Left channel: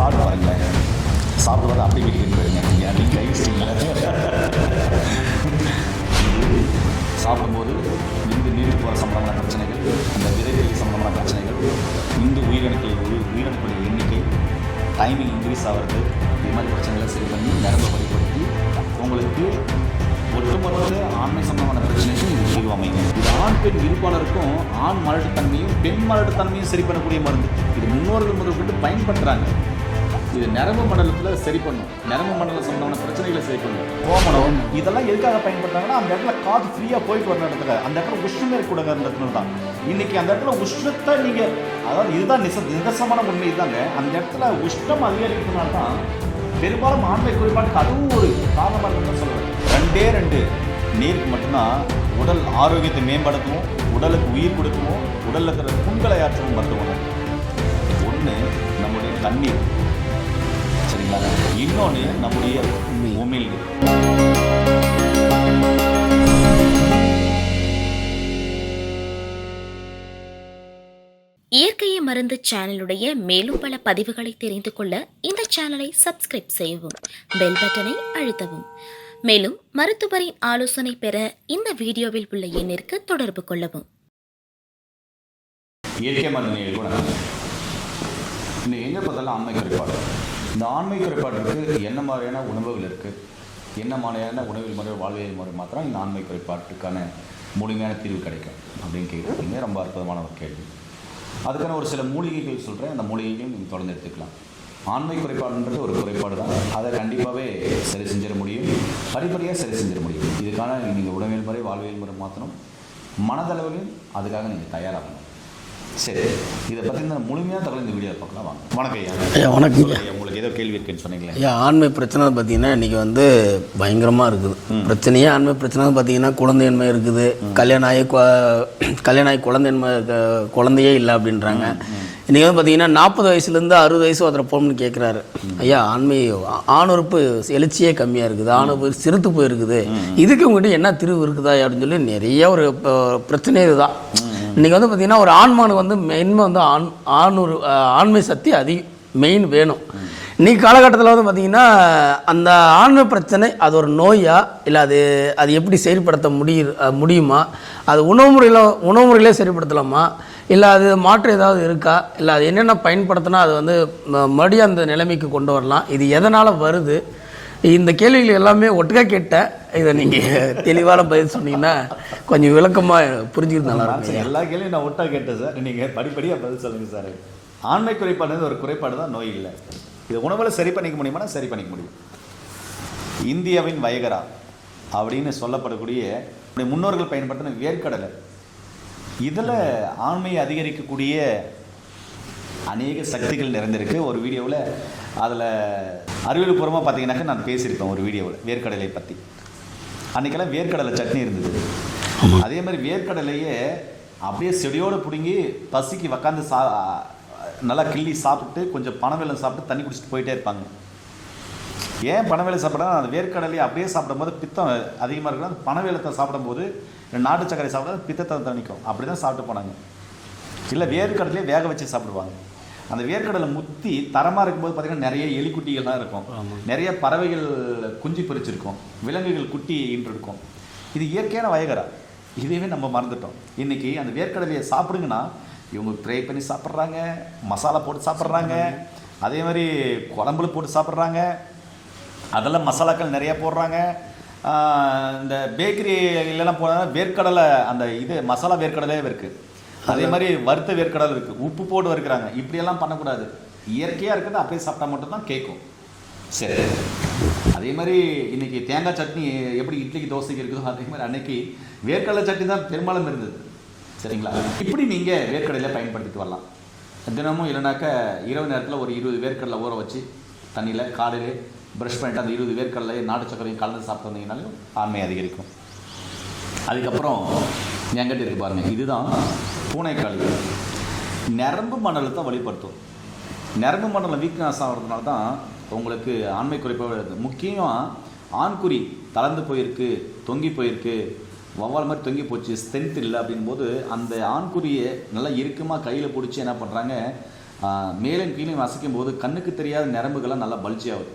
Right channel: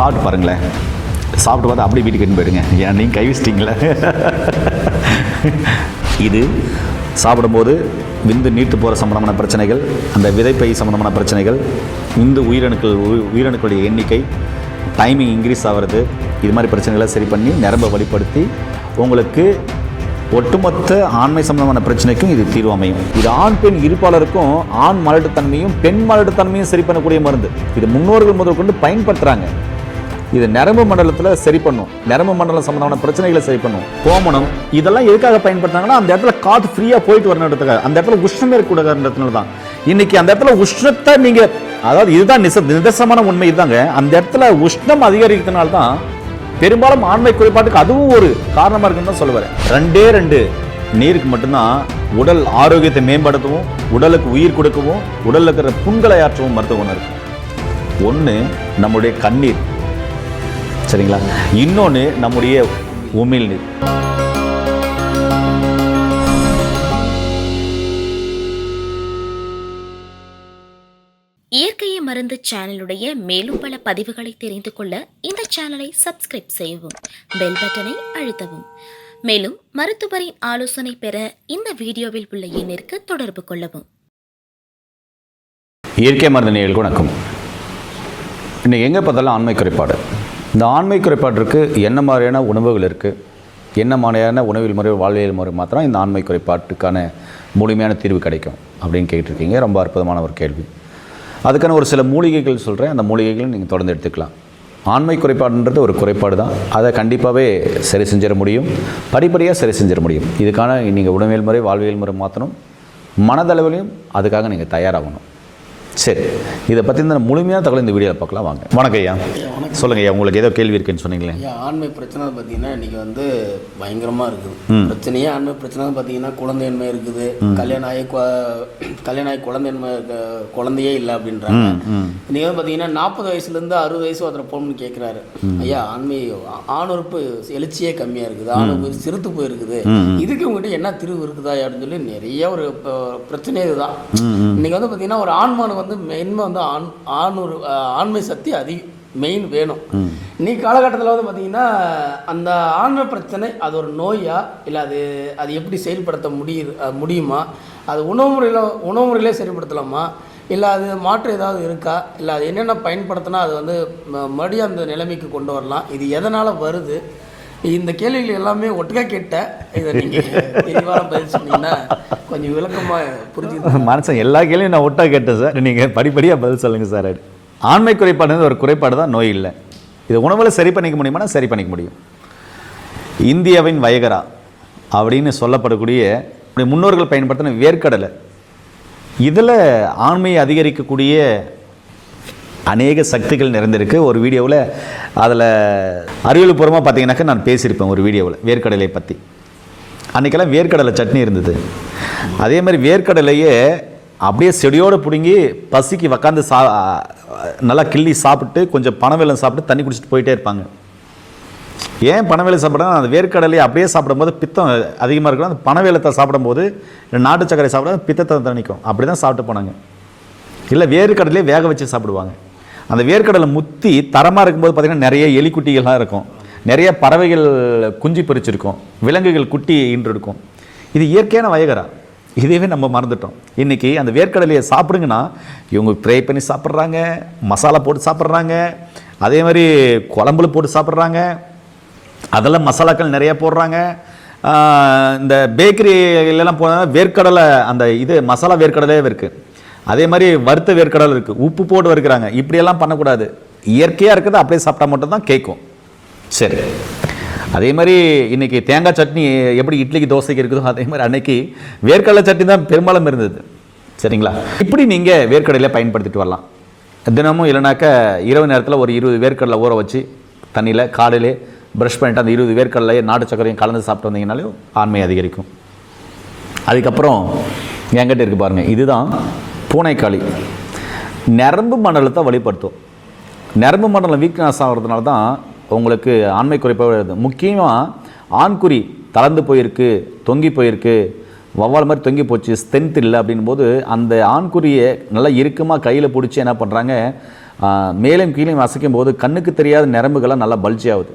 சாப்பிட்டு பாருங்களேன். சாப்பிட்டு பார்த்து அப்படியே வீட்டுக்கு எடுத்து போயிடுங்க. ஏன் நீங்கள் கை வச்சிட்டிங்களே. இது சாப்பிடும்போது விந்து நீர்த்து போகிற சம்பந்தமான பிரச்சனைகள், அந்த விதைப்பை சம்பந்தமான பிரச்சனைகள், விந்து உயிரணுக்களுடைய எண்ணிக்கை, டைமிங் இன்க்ரீஸ் ஆகிறது, இது மாதிரி பிரச்சனைகளை சரி பண்ணி நரம்பை வழிப்படுத்தி உங்களுக்கு ஒட்டுமொத்த ஆண்மை சம்பந்தமான பிரச்சனைக்கும் இது தீர்வு அமையும். இது ஆண் பெண் இருப்பாளருக்கும் ஆண் மலட்டுத்தன்மையும் பெண் மலட்டுத்தன்மையும் சரி பண்ணக்கூடிய மருந்து. இது முன்னோர்கள் முதல் கொண்டு பயன்படுத்துகிறாங்க. இது நரம்பு மண்டலத்தில் சரி பண்ணும், நரம்பு மண்டலம் சம்பந்தமான பிரச்சனைகளை சரி பண்ணும். கோமணம் இதெல்லாம் எதுக்காக பயன்படுத்தாங்கன்னா அந்த இடத்துல காற்று ஃப்ரீயாக போயிட்டு வரணுன்றதுக்காக, அந்த இடத்துல உஷ்ணம் ஏற்படுறதுனால தான். இன்னைக்கு அந்த இடத்துல உஷ்ணத்தை நீங்கள், அதாவது இதுதான் நிதர்சனமான உண்மை இதுதாங்க, அந்த இடத்துல உஷ்ணம் அதிகரிக்கிறதுனால தான் பெரும்பாலும் ஆண்மை குறைபாட்டுக்கு அதுவும் ஒரு காரணமாக இருக்குன்னு தான் சொல்லுவார். 2 நீருக்கு மட்டும்தான் உடல் ஆரோக்கியத்தை மேம்படுத்தவும், உடலுக்கு உயிர் கொடுக்கவும், உடலில் இருக்கிற புண்களை ஆற்றவும் மருத்துவ குணம். ஒன்று நம்முடைய கண்ணீர், சரிங்களா? இன்னொன்று நம்முடைய உமிழ்நீர். இயற்கையை மருந்து சேனலுடைய மேலும் பல பதிவுகளை தெரிந்து கொள்ள இந்த சேனலை சப்ஸ்கிரைப் செய்யவும், பெல் பட்டனை அழுத்தவும். மேலும் மருத்துவரின் ஆலோசனை பெற இந்த வீடியோவில் உள்ள எண்ணிற்கு தொடர்பு கொள்ளவும். இயற்கை மருந்து நேயர்களுக்கு வணக்கம். இன்னைக்கு எங்கே பார்த்தாலும் ஆண்மை குறைபாடு. இந்த ஆண்மை குறைபாட்டிற்கு என்ன மாதிரியான உணவுகள் இருக்குது, என்ன மாதிரியான உணவியல் முறை வாழ்வியல் முறை மாத்திரம் இந்த ஆண்மை குறைபாட்டுக்கான முழுமையான தீர்வு கிடைக்கும் அப்படின்னு கேட்டிருக்கீங்க. ரொம்ப அற்புதமான ஒரு கேள்வி. அதுக்கான ஒரு சில மூலிகைகள் சொல்கிறேன், அந்த மூலிகைகளை நீங்கள் தொடர்ந்து எடுத்துக்கலாம். ஆண்மை குறைபாடுன்றது ஒரு குறைபாடு தான், அதை கண்டிப்பாகவே சரி செஞ்சிட முடியும், படிப்படியாக சரி செஞ்சிட முடியும். இதுக்கான நீங்கள் உணவியல் முறை வாழ்வியல் முறை மாற்றணும், மனதளவிலையும் அதுக்காக நீங்கள் தயாராகணும். சரி, இதை பற்றி இந்த முழுமையான தகவல் இந்த வீடியோவில் பார்க்கலாம் வாங்க. வணக்கம் ஐயா. வணக்கம். சொல்லுங்கள் ஐயா, உங்களுக்கு ஏதோ கேள்வி இருக்குன்னு சொன்னீங்களே. ஐயா, ஆண்மை பிரச்சனை பார்த்தீங்கன்னா இன்றைக்கி பயங்கரமாக இருக்குது. பிரச்சனையே ஆண்மை பிரச்சனை பார்த்தீங்கன்னா குழந்தையின்மை இருக்குது, கல்யாணம் ஆகி குழந்தையே இல்லை அப்படின்றாங்க. இன்றைக்கி பார்த்தீங்கன்னா 40 வயசுலேருந்து 60 வயசு ஒருத்தர் போகணும்னு கேட்குறாரு. ஐயா, ஆணுறுப்பு எழுச்சியே கம்மியாக இருக்குது, ஆணுறுப்பு சிறுத்து போயிருக்குது, இதுக்கு உங்கள்கிட்ட என்ன திருவு இருக்குதா அப்படின்னு சொல்லி நிறைய ஒரு பிரச்சனை இதுதான். இன்றைக்கி பார்த்தீங்கன்னா ஒரு ஆண்மானு மெயின்மை ஆண்மை சக்தி மெயின் வேணும். இன்னைக்கு காலகட்டத்தில் பார்த்தீங்கன்னா அந்த ஆண்மை பிரச்சனை அது ஒரு நோயா இல்லை அது எப்படி செயல்படுத்த முடியுமா, அது உணவு முறையிலே செயல்படுத்தலாமா, இல்லை அது மாற்றம் ஏதாவது இருக்கா, இல்லை அது என்னென்ன பயன்படுத்தினா அது மறுபடியும் அந்த நிலைமைக்கு கொண்டு வரலாம், இது எதனால் வருது, இந்த கேள்விகள் எல்லாமே ஒட்டுக்கா கேட்டேன். இதை நீங்கள் தெளிவான பதில் சொன்னீங்கன்னா கொஞ்சம் விளக்கமாக புரிஞ்சுக்கிட்டு. மனசன் எல்லா கேள்வியும் நான் ஒட்டா கேட்டேன் சார், நீங்கள் படிப்படியாக பதில் சொல்லுங்கள் சார். ஆண்மை குறைபாடுன்றது ஒரு குறைபாடு தான், நோய் இல்லை. இது உணவில் சரி பண்ணிக்க முடியுமானா சரி பண்ணிக்க முடியும். இந்தியாவின் வயகரா அப்படின்னு சொல்லப்படக்கூடிய முன்னோர்கள் பயன்படுத்தின வேர்க்கடலை, இதில் ஆண்மையை அதிகரிக்கக்கூடிய அநேக சக்திகள் நிறைந்திருக்கு. ஒரு வீடியோவில் அதில் அறிவியல் பூர்வமாக பார்த்தீங்கன்னாக்கா நான் பேசியிருப்பேன் ஒரு வீடியோவில் வேர்க்கடலை பற்றி. அன்றைக்கெல்லாம் வேர்க்கடலை சட்னி இருந்தது. அதே மாதிரி வேர்க்கடலையே அப்படியே செடியோடு பிடுங்கி பசிக்கு உக்காந்து நல்லா கிள்ளி சாப்பிட்டு கொஞ்சம் பனவெல்லம் சாப்பிட்டு தண்ணி குடிச்சிட்டு போயிட்டே இருப்பாங்க. ஏன் பனவெல்லம் சாப்பிட்றாங்க, அந்த வேர்க்கடலையை அப்படியே சாப்பிடும்போது பித்தம் அதிகமாக இருக்கும். அந்த பனவெல்லத்தை சாப்பிடும்போது நாட்டு சர்க்கரை சாப்பிட பித்தத்தை தணிக்கும். அப்படி தான் சாப்பிட்டு போனாங்க. இல்லை வேர்க்கடலையே வேக வச்சு சாப்பிடுவாங்க. அந்த வேர்க்கடலை முத்தி தரமாக இருக்கும்போது பார்த்திங்கன்னா நிறைய எலிக்குட்டிகள்லாம் இருக்கும், நிறைய பறவைகள் குஞ்சு பறிச்சிருக்கும், விலங்குகள் குட்டி ஈன்று இருக்கும். இது இயற்கையான வயகரா. இதையவே நம்ம மறந்துட்டோம். இன்றைக்கி அந்த வேர்க்கடலையை சாப்பிடுங்கன்னா இவங்க ஃப்ரை பண்ணி சாப்பிட்றாங்க, மசாலா போட்டு சாப்பிட்றாங்க, அதே மாதிரி குழம்புல போட்டு சாப்பிட்றாங்க, அதெல்லாம் மசாலாக்கள் நிறையா போடுறாங்க. இந்த பேக்கரியிலலாம் போனால் வேர்க்கடலை அந்த மசாலா வேர்க்கடலே இருக்குது. அதே மாதிரி வறுத்த வேர்க்கடலை இருக்குது, உப்பு போட்டு வறுக்கிறாங்க. இப்படியெல்லாம் பண்ணக்கூடாது. இயற்கையாக இருக்கிறது அப்படியே சாப்பிட்டா மட்டும்தான் கேட்கும். சரி, அதே மாதிரி இன்றைக்கி தேங்காய் சட்னி எப்படி இட்லிக்கு தோசைக்கு இருக்குதோ அதே மாதிரி அன்னைக்கு வேர்க்கடலை சட்னி தான் பெரும்பாலும் இருந்தது. சரிங்களா? இப்படி நீங்கள் வேர்க்கடலையை பயன்படுத்திட்டு வரலாம். தினமும் இல்லைனாக்கா இரவு நேரத்தில் ஒரு 20 வேர்க்கடலை ஊற வச்சு தண்ணியில் காலையிலே ப்ரஷ் பண்ணிட்டு அந்த 20 வேர்க்கடலையை நாட்டு சர்க்கரையும் கலந்து சாப்பிட்டு வந்தீங்கனாலும் ஆண்மை அதிகரிக்கும். அதுக்கப்புறம் என்கிட்ட இருக்குது பாருங்கள், இதுதான் பூனைக்காளி. நரம்பு மண்டலத்தை வழிபடுத்தும். நரம்பு மண்டலம் வீக்னஸ் ஆகிறதுனால தான் உங்களுக்கு ஆண்மை குறைப்பாக வருது. முக்கியமாக ஆண்குறி தளர்ந்து போயிருக்கு, தொங்கி போயிருக்கு, வவ்வால் மாதிரி தொங்கி போச்சு, ஸ்ட்ரென்த் இல்லை அப்படின் போது அந்த ஆண்குறியை நல்லா இறுக்கமாக கையில் பிடிச்சி என்ன பண்ணுறாங்க, மேலும் கீழே அசைக்கும் போது கண்ணுக்கு தெரியாத நரம்புகள்லாம் நல்லா பல்ஜி ஆகுது.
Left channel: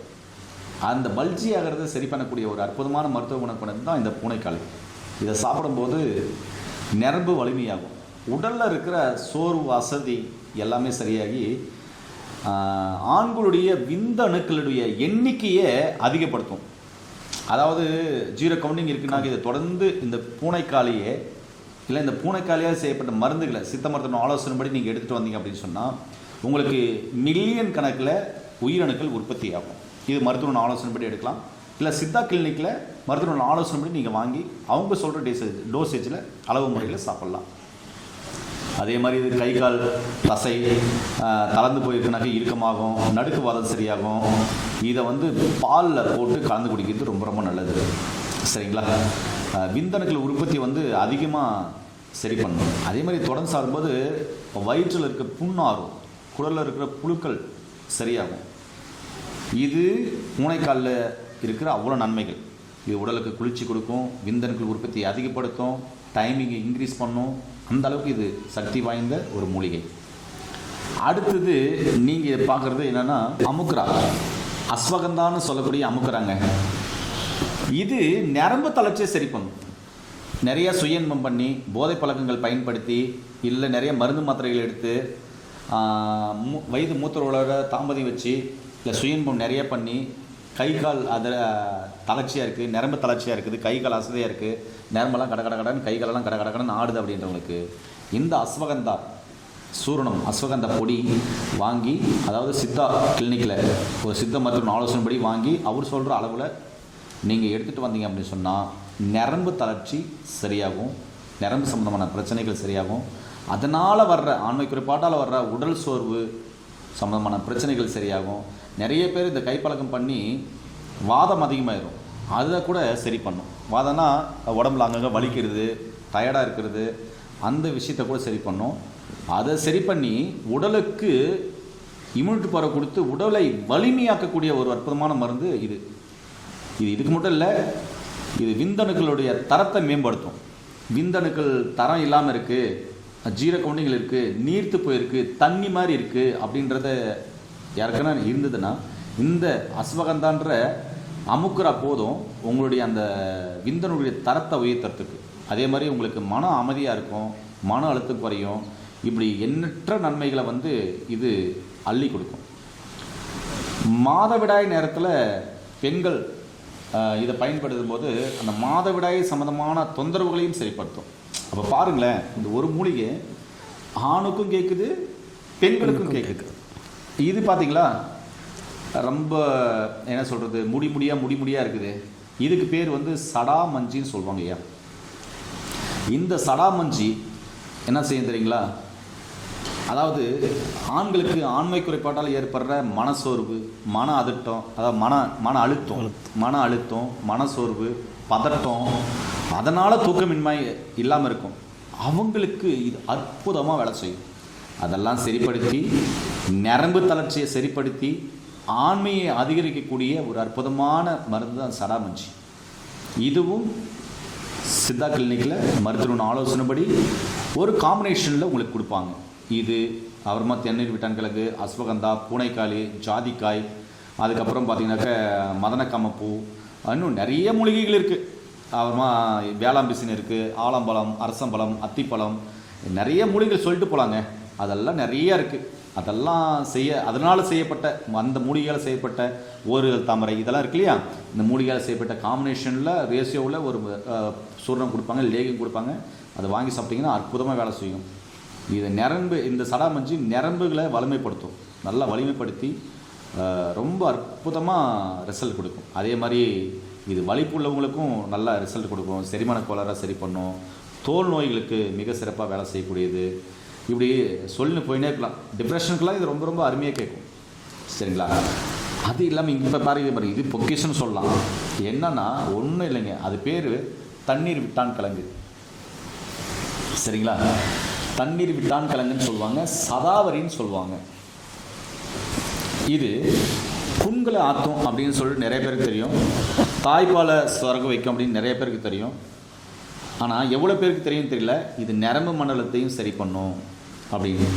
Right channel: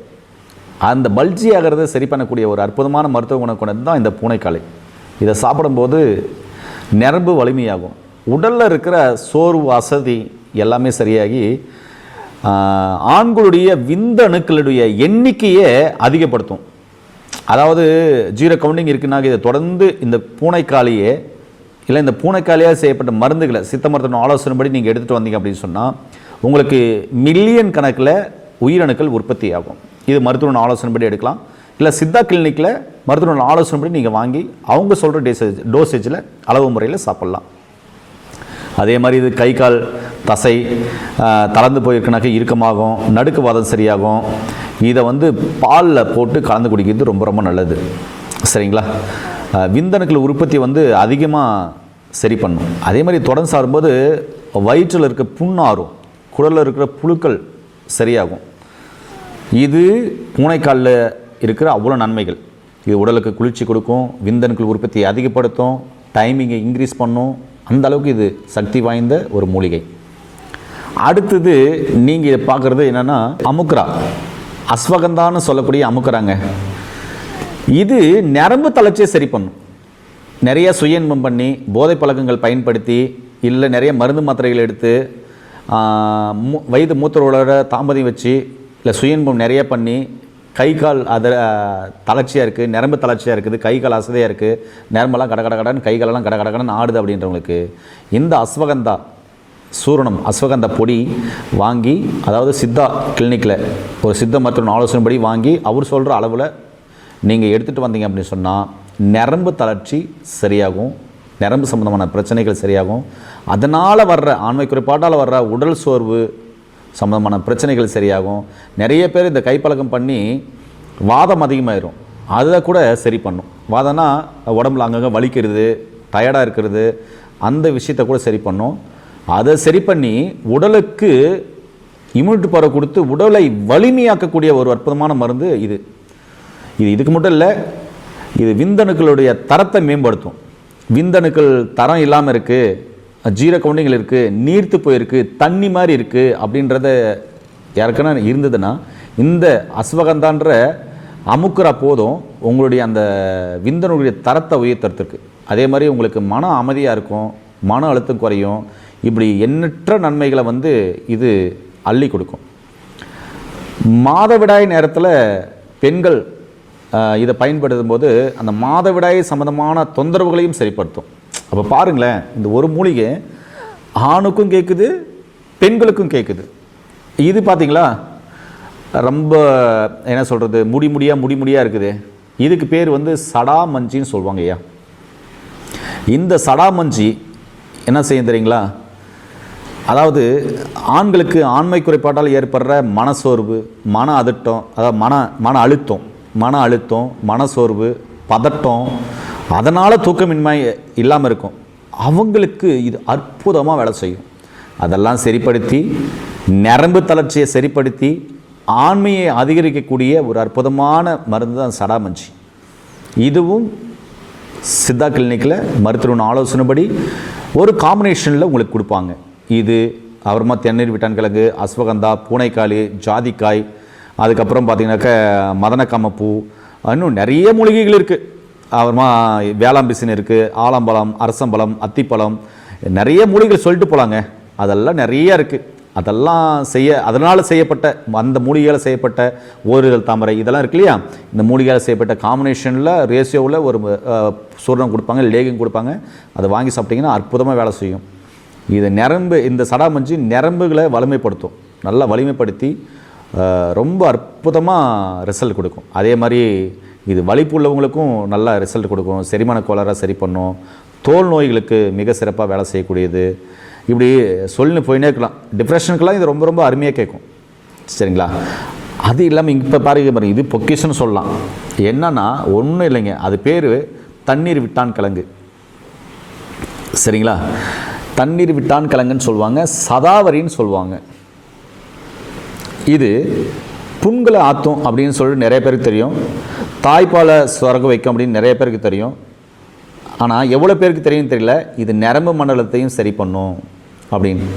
அந்த பல்ஜி ஆகிறத சரி பண்ணக்கூடிய ஒரு அற்புதமான மருத்துவ குணம் கொண்டது தான் இந்த பூனைக்காளை. இதை சாப்பிடும்போது நரம்பு வலிமையாகும், உடலில் இருக்கிற சோர்வு அசதி எல்லாமே சரியாகி ஆண்களுடைய விந்தணுக்களுடைய எண்ணிக்கையை அதிகப்படுத்தும். அதாவது 0 கவுண்டிங் இருக்குன்னா இதை தொடர்ந்து இந்த பூனைக்காளியே இல்லை இந்த பூனைக்காளியாக செய்யப்பட்ட மருந்துகளை சித்த மருத்துவ ஆலோசனைப்படி நீங்கள் எடுத்துகிட்டு வந்தீங்க அப்படின்னு சொன்னால் உங்களுக்கு மில்லியன் கணக்கில் உயிரணுக்கள் உற்பத்தி ஆகும். இது மருத்துவ ஆலோசனைப்படி எடுக்கலாம், இல்லை சித்தா கிளினிக்கில் மருத்துவ ஆலோசனைப்படி நீங்கள் வாங்கி அவங்க சொல்கிற டோசேஜில் அளவு முறையில் சாப்பிட்லாம். அதே மாதிரி இது கை கால் தசை தளர்ந்து போயிருக்குனாக்க இறுக்கமாகும், நடுக்குவாதம் சரியாகும். இதை பாலில் போட்டு கலந்து குடிக்கிறது ரொம்ப ரொம்ப நல்லது. சரிங்களா? விந்தணுக்கள் உற்பத்தி அதிகமாக சரி பண்ணும். அதே மாதிரி தொடர்ந்து சாப்பிடும்போது வயிற்றில் இருக்க புண்ணாரும், குடலில் இருக்கிற புழுக்கள் சரியாகும். இது பூனைக்காலில் இருக்கிற அவ்வளோ நன்மைகள். இது உடலுக்கு குளிர்ச்சி கொடுக்கும், விந்தணுக்கள் உற்பத்தியை அதிகப்படுத்தும், டைமிங்கை இன்க்ரீஸ் பண்ணும். அந்த அளவுக்கு இது சக்தி வாய்ந்த ஒரு மூலிகை. அடுத்தது நீங்கள் இதை பார்க்குறது என்னென்னா அமுக்ரா, அஸ்வகந்தான்னு சொல்லக்கூடிய அமுக்ராங்க. இது நரம்பு தளர்ச்சியை சரி பண்ணும். நிறைய சுய இன்பம் பண்ணி போதை பழக்கங்கள் பயன்படுத்தி இல்லை நிறைய மருந்து மாத்திரைகள் எடுத்து வயது மூத்தரோட தாம்பதியம் வச்சு இல்லை சுய இன்பம் நிறைய பண்ணி கை கால் தளர்ச்சியாக இருக்குது, நரம்பு தளர்ச்சியாக இருக்குது, கை கால் அசதியாக இருக்குது, நரம்பெல்லாம் கடன்னு கை காலெல்லாம் கடன்னு ஆடுது அப்படின்றவங்களுக்கு இந்த அஸ்வகந்தா சூரணம், அஸ்வகந்தா பொடி வாங்கி, அதாவது சித்தா கிளினிக்கில் ஒரு சித்த மருத்துவ ஆலோசனைப்படி வாங்கி அவர் சொல்கிற அளவில் நீங்கள் எடுத்துகிட்டு வந்தீங்க அப்படின்னு சொன்னால் நரம்பு தளர்ச்சி சரியாகும், நரம்பு சம்மந்தமான பிரச்சனைகள் சரியாகும். அதனால் வர்ற ஆண்மை குறைபாட்டால் வர்ற உடல் சோர்வு சம்மந்தமான பிரச்சனைகள் சரியாகும். நிறைய பேர் இந்த கைப்பழக்கம் பண்ணி வாதம் அதிகமாயிரும், அதை கூட சரி பண்ணும். வாதம்னா உடம்புல அங்கங்கே வலிக்கிறது, டயர்டாக இருக்கிறது, அந்த விஷயத்தை கூட சரி பண்ணும். அதை சரி பண்ணி உடலுக்கு இம்யூனிட்டி பவர் கொடுத்து உடலை வலிமையாக்கக்கூடிய ஒரு அற்புதமான மருந்து இது. இதுக்கு மட்டும் இல்லை, இது விந்தணுக்களுடைய தரத்தை மேம்படுத்தும். விந்தணுக்கள் தரம் இல்லாமல் இருக்குது, 0 கவுண்டிங்கில் இருக்குது, நீர்த்து போயிருக்கு, தண்ணி மாதிரி இருக்குது அப்படின்றத யாருக்குன்னா இருந்ததுன்னா இந்த அஸ்வகந்தான்ற அமுக்குரா போதும் உங்களுடைய அந்த விந்தணுடைய தரத்தை உயர்த்துறதுக்கு. அதே மாதிரி உங்களுக்கு மன அமைதியாக இருக்கும், மன அழுத்தம் குறையும். இப்படி எண்ணற்ற நன்மைகளை இது அள்ளி கொடுக்கும். மாதவிடாய் நேரத்தில் பெண்கள் இதை பயன்படுத்தும் போது அந்த மாதவிடாய் சம்மந்தமான தொந்தரவுகளையும் சரிப்படுத்தும். அப்போ பாருங்களேன், இந்த ஒரு மூலிகை ஆணுக்கும் கேட்குது, பெண்களுக்கும் கேட்குது. இது பார்த்தீங்களா ரொம்ப என்ன சொல்கிறது, முடியாக இருக்குது. இதுக்கு பேர் சடாமஞ்சின்னு சொல்லுவாங்க ஐயா. இந்த சடாமஞ்சி என்ன செய்யும் தெரியுங்களா? அதாவது ஆண்களுக்கு ஆண்மை குறைபாட்டால் ஏற்படுற மனசோர்வு, மன அதிட்டம், அதாவது மன அழுத்தம், மனசோர்வு, பதட்டம், அதனால் தூக்கமின்மை இல்லாமல் இருக்கும். அவங்களுக்கு இது அற்புதமாக வேலை செய்யும். அதெல்லாம் சரிப்படுத்தி நரம்பு தளர்ச்சியை சரிப்படுத்தி ஆண்மையை அதிகரிக்கக்கூடிய ஒரு அற்புதமான மருந்து தான் சடாமஞ்சி. இதுவும் சித்தா கிளினிக்கில் மருத்துவ ஆலோசனைப்படி ஒரு காம்பினேஷனில் உங்களுக்கு கொடுப்பாங்க. இது அப்புறமா தென்னீர் விட்டான் கிழங்கு, அஸ்வகந்தா, பூனைக்காளி, ஜாதிக்காய், அதுக்கப்புறம் பார்த்தீங்கன்னாக்க மதனக்காமப்பூ, இன்னும் நிறைய மூலிகைகள் இருக்குது. அப்புறமா வேளாம்பிசின் இருக்குது, ஆலம்பழம், அரசம்பழம், அத்திப்பழம், நிறைய மூலிகைகள் சொல்லிட்டு போகலாங்க. அதெல்லாம் நிறைய இருக்குது. அதனால் செய்யப்பட்ட அந்த மூலிகையால் செய்யப்பட்ட ஓரிதழ் தாமரை இதெல்லாம் இருக்கு இல்லையா, இந்த மூலிகையால் செய்யப்பட்ட காம்பினேஷனில் ரேஷியோவில் ஒரு சூரணம் கொடுப்பாங்க, லேகியம் கொடுப்பாங்க. அதை வாங்கி சாப்பிட்டிங்கன்னா அற்புதமாக வேலை செய்யும். இது இந்த சடாமஞ்சி நரம்புகளை வலிமைப்படுத்தும், நல்லா வலிமைப்படுத்தி ரொம்ப அற்புதமாக ரிசல்ட் கொடுக்கும். அதே மாதிரி இது வலிப்பு உள்ளவங்களுக்கும் நல்லா ரிசல்ட் கொடுக்கும். செரிமான கோளாறை சரி பண்ணும், தோல் நோய்களுக்கு மிக சிறப்பாக வேலை செய்யக்கூடியது. இப்படி சொல்லி போயினே இருக்கலாம். டிப்ரெஷனுக்கெல்லாம் இது ரொம்ப ரொம்ப அருமையாக கேட்கும். சரிங்களா? அது இல்லாமல் இப்போ பாருங்க, இது பொக்கிஷன்னு சொல்லலாம். என்னன்னா ஒன்றும் இல்லைங்க, அது பேர் தண்ணீர் விட்டான் கிழங்கு. சரிங்களா? தண்ணீர் விட்டான் கிழங்குன்னு சொல்லுவாங்க, சதாவரின்னு சொல்லுவாங்க. இது புண்களை ஆற்றும் அப்படின்னு சொல்லி நிறைய பேருக்கு தெரியும், தாய்ப்பாலை சுரக்க வைக்கும் அப்படின்னு நிறைய பேருக்கு தெரியும். ஆனால் எவ்வளோ பேருக்கு தெரியும் தெரியல, இது நரம்பு மண்டலத்தையும் சரி பண்ணும் அப்படின்னு.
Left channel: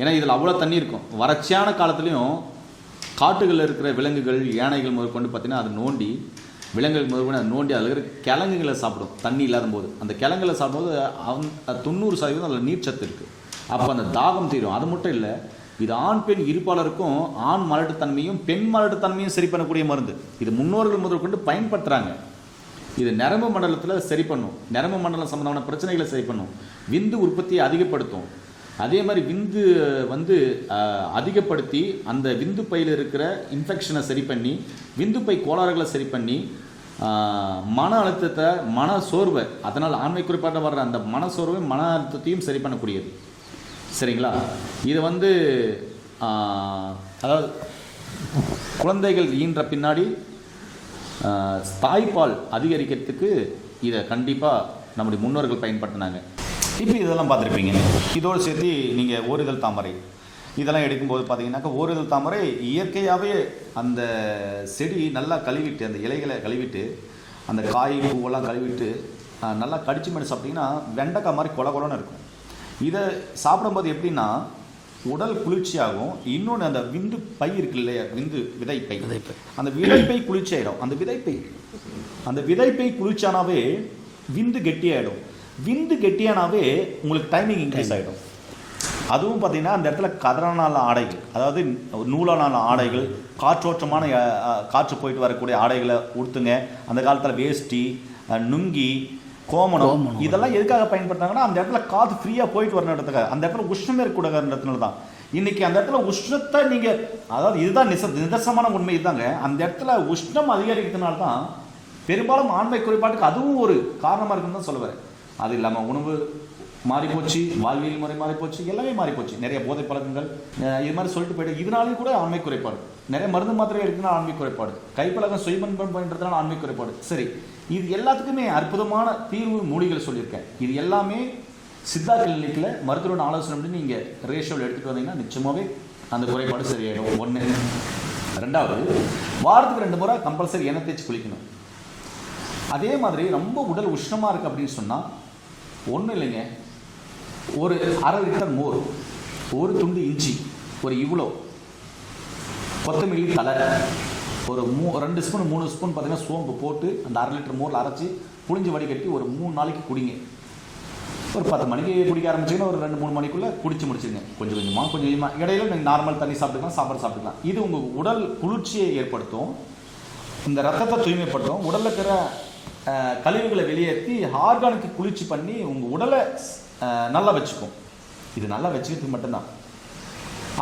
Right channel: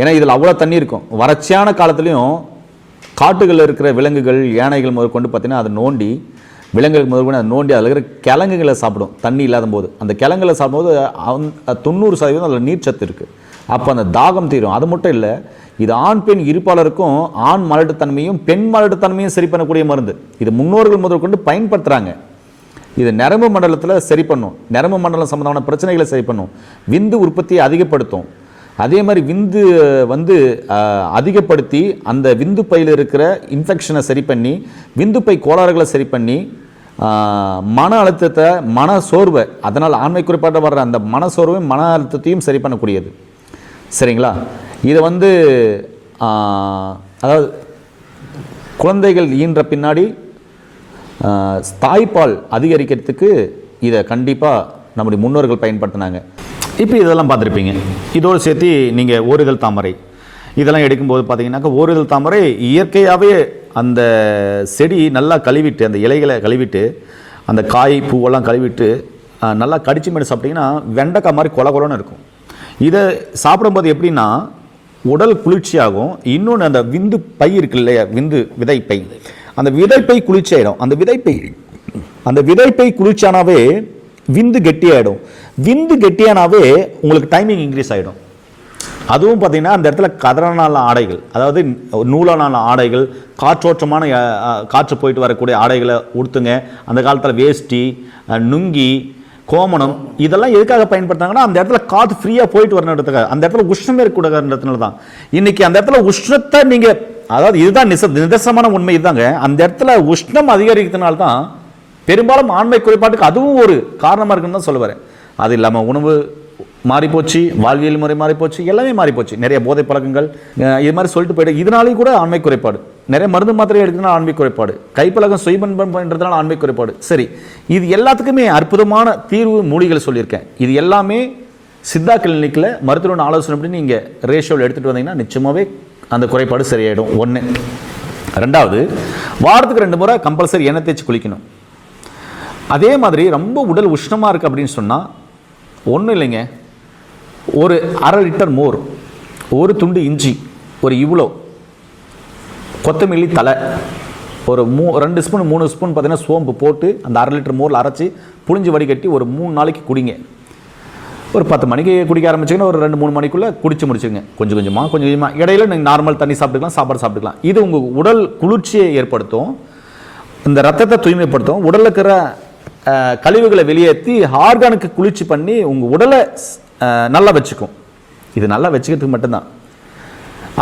ஏன்னா இதில் அவ்வளோ தண்ணி இருக்கும். வறட்சியான காலத்துலேயும் காட்டுகளில் இருக்கிற விலங்குகள், யானைகள் முதற்கொண்டு பார்த்தீங்கன்னா அதை நோண்டி, விலங்குகள் முதற்கொண்டு அதை நோண்டி அதில் இருக்கிற கிழங்குகளை சாப்பிடும் தண்ணி இல்லாத போது. அந்த கிழங்குகளை சாப்பிடும்போது 90% அதில் நீர்ச்சத்து இருக்குது. அப்போ அந்த தாகம் தீரும். அது மட்டும் இல்லை, இது ஆண் பெண் இருப்பாளருக்கும் ஆண் மலட்டுத்தன்மையும் பெண் மலட்டுத்தன்மையும் சரி பண்ணக்கூடிய மருந்து. இது முன்னோர்கள் முதற்கொண்டு பயன்படுத்துகிறாங்க. இது நரம்பு மண்டலத்தில் சரி பண்ணும், நரம்பு மண்டலம் சம்பந்தமான பிரச்சனைகளை சரி பண்ணும், விந்து உற்பத்தியை அதிகப்படுத்தும். அதே மாதிரி விந்து அதிகப்படுத்தி அந்த விந்து பையில் இருக்கிற இன்ஃபெக்ஷனை சரி பண்ணி, விந்து பை கோளாறுகளை சரி பண்ணி, மன அழுத்தத்தை, மன சோர்வை, அதனால் ஆண்மை குறைபாடு வர்ற அந்த மன சோர்வையும் மன அழுத்தத்தையும் சரி பண்ணக்கூடியது. சரிங்களா? இதை அதாவது குழந்தைகள் ஈன்ற பின்னாடி தாய்ப்பால் அதிகரிக்கிறதுக்கு இதை கண்டிப்பாக நம்முடைய முன்னோர்கள் பயன்படுத்தினாங்க. இப்போ இதெல்லாம் பார்த்துருப்பீங்க. இதோடு சேர்த்து நீங்கள் ஓரிதழ் தாமரை இதெல்லாம் எடுக்கும்போது பார்த்தீங்கன்னாக்கா, ஓரிதழ் தாமரை இயற்கையாகவே அந்த செடி நல்லா கழுவிட்டு, அந்த இலைகளை கழுவிட்டு, அந்த காய் பூவெல்லாம் கழுவிட்டு நல்லா கடிச்சு மேலே சாப்பிட்டிங்கன்னா வெண்டைக்காய் மாதிரி கொல கொலன்னு இருக்கும். இதை சாப்பிடும்போது எப்படின்னா உடல் குளிர்ச்சியாகும். இன்னொன்று, அந்த விந்து பை இருக்கு இல்லையா, விதைப்பை, அந்த விதைப்பை குளிர்ச்சி ஆகிடும். அந்த விதைப்பை குளிர்ச்சியானாவே விந்து கெட்டியாயிடும். விந்து கெட்டியானாவே உங்களுக்கு டைமிங் இன்க்ரீஸ் ஆகிடும். அதுவும் பார்த்தீங்கன்னா அந்த இடத்துல கதறனால ஆடைகள், அதாவது நூலான ஆடைகள், காற்றோட்டமான காற்று போயிட்டு வரக்கூடிய ஆடைகளை உடுத்துங்க. அந்த காலத்தில் வேஷ்டி, நுங்கி, கோமணம் இதெல்லாம் எதுக்காக பயன்படுத்தாங்கன்னா அந்த இடத்துல காற்று ஃப்ரீயாக போயிட்டு வரணுன்றதுக்காக. அந்த இடத்துல உஷ்ணமே இருக்கக்கூடாதுன்றதுனால தான். இன்னைக்கு அந்த இடத்துல உஷ்ணத்தை நீங்கள், அதாவது இதுதான் நிதர்சனமான உண்மை இதுதாங்க. அந்த இடத்துல உஷ்ணம் அதிகரிக்கிறதுனால தான் பெரும்பாலும் ஆண்மை குறைபாட்டுக்கு அதுவும் ஒரு காரணமாக இருக்குன்னு தான் சொல்ல வரேன். அது இல்லாமல் உணவு மாறிப்போச்சு, வாழ்வியல் முறை மாறிப்போச்சு, எல்லாமே மாறிப்போச்சு. நிறைய போதை பழக்கங்கள் இது மாதிரி சொல்லிட்டு போயிட்டு இதனாலேயும் கூட ஆண்மை குறைபாடு. நிறைய மருந்து மாத்திரை எடுக்கணும்னா ஆண்மை குறைபாடு, கைப்பழக்கம் சுயபன்பம் பண்ணுறதுனால ஆண்மை குறைபாடு. சரி, இது எல்லாத்துக்குமே அற்புதமான தீர்வு மூலிகள் சொல்லியிருக்கேன். இது எல்லாமே சித்தா கிளினிக்கில் மருத்துவ ஆலோசனை அப்படி நீங்கள் ரேஷியோவில் எடுத்துகிட்டு வந்தீங்கன்னா நிச்சயமாகவே அந்த குறைபாடு சரியாயிடும். 1. 2வது, வாரத்துக்கு 2 முறை கம்பல்சரி எண்ணெய் தேய்ச்சி குளிக்கணும். அதே மாதிரி ரொம்ப உடல் உஷ்ணமாக இருக்குது அப்படின்னு சொன்னால் ஒன்றும் இல்லைங்க, ஒரு 1/2 லிட்டர் மோர், ஒரு துண்டு இஞ்சி, ஒரு இவ்வளோ கொத்தமல்லி தலை, ஒரு 2 ஸ்பூன் 3 ஸ்பூன் பார்த்தீங்கன்னா சோம்பு போட்டு அந்த 1/2 லிட்டர் மோரில் அரைச்சி புளிஞ்சு வடிகட்டி ஒரு 3 நாளைக்கு குடிங்க. ஒரு 10 மணிக்கு குடிக்க ஆரம்பிச்சிங்கன்னா ஒரு 2-3 மணிக்குள்ளே குடிச்சு முடிச்சுங்க. கொஞ்சம் கொஞ்சமாக இடையில நீங்கள் நார்மல் தண்ணி சாப்பிட்டுக்கலாம், சாப்பாடு சாப்பிட்டுக்கலாம். இது உங்கள் உடல் குளிர்ச்சியை ஏற்படுத்தும், இந்த ரத்தத்தை தூய்மைப்படுத்தும், உடலில் இருக்கிற கழிவுகளை வெளியேற்றி ஆர்கானுக்கு குளிர்ச்சி பண்ணி உங்கள் உடலை நல்லா வச்சுக்கும். இது நல்லா வச்சுக்கிறதுக்கு மட்டும்தான்.